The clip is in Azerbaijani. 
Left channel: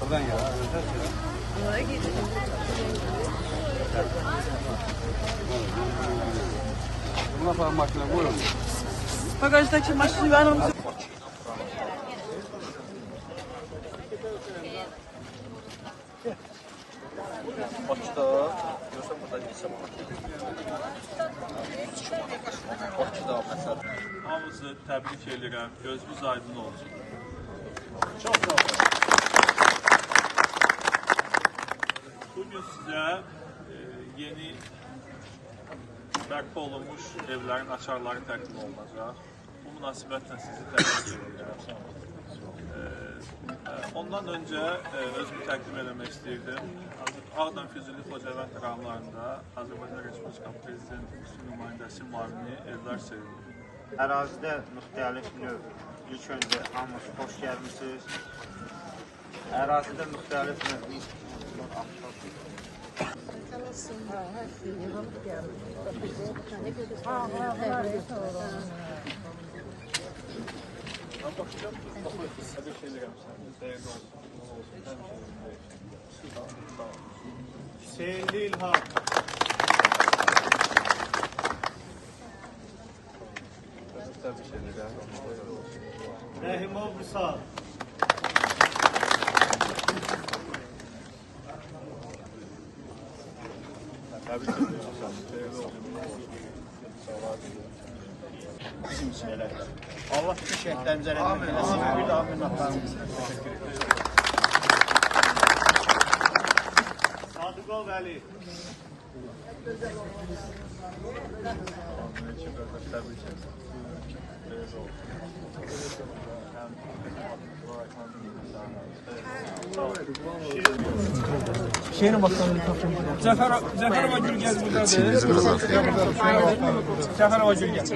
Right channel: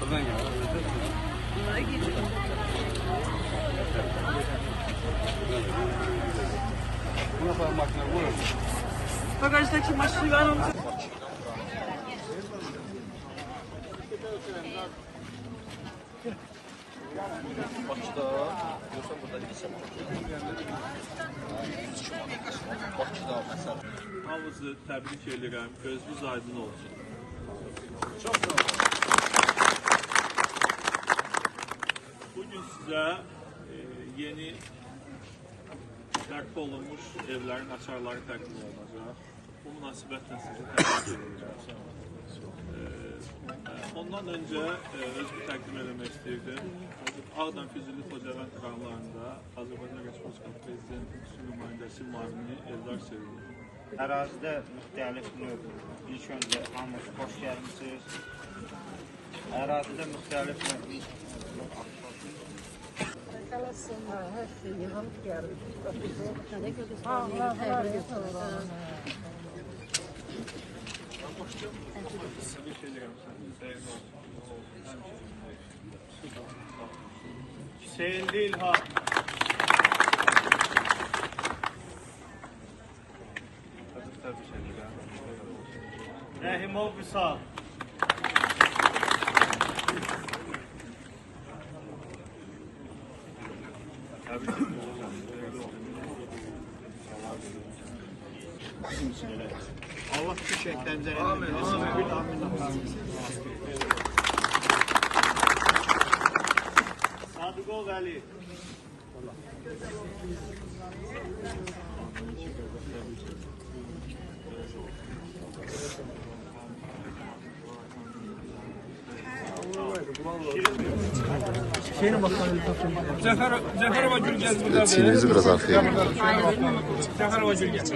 Buradan gel. Bagajdaki maşını ver onu. Hamınızı təbrik edirəm. Gözünüz aydın olsun. Bugün sizə yeni bərpa olunmuş evlərin açarları təqdim olunacaq. Bu münasibətlə sizi təbrik edirəm. Ondan öncə özümü təqdim eləmək istəyirdim. Ağdam Füzuli Xocavənd rayonlarında Azərbaycan Respublikası Prezidenti xüsusi nümayəndəsi müavini evlər sevilir. Ərazidə müxtəlif növ, ilk öncə hamınız xoş gəlmişsiniz. Ərazidə müxtəlif növ Təbrik edirəm səni. Xeyirli olsun. Həmişə özündəyik. Sağ ol. Hüseynli İlham. Təbrik edirəm. Xeyirli olsun. Rəhimov Vüsal. Təbrik edirəm səni. Xeyirli olsun. Sağlar diləyim. Bizim üçün elə. Allah ki şəhətlərimizə rəhmət eləsin. Bir daha minnətlarımız. Sadıqov Vəli. Təbrik edirəm. Xeyirli olsun. Cəfərova Gülgəz buradadır. Çiğnizi biraz arkaya. Cəfərova Gülgəz.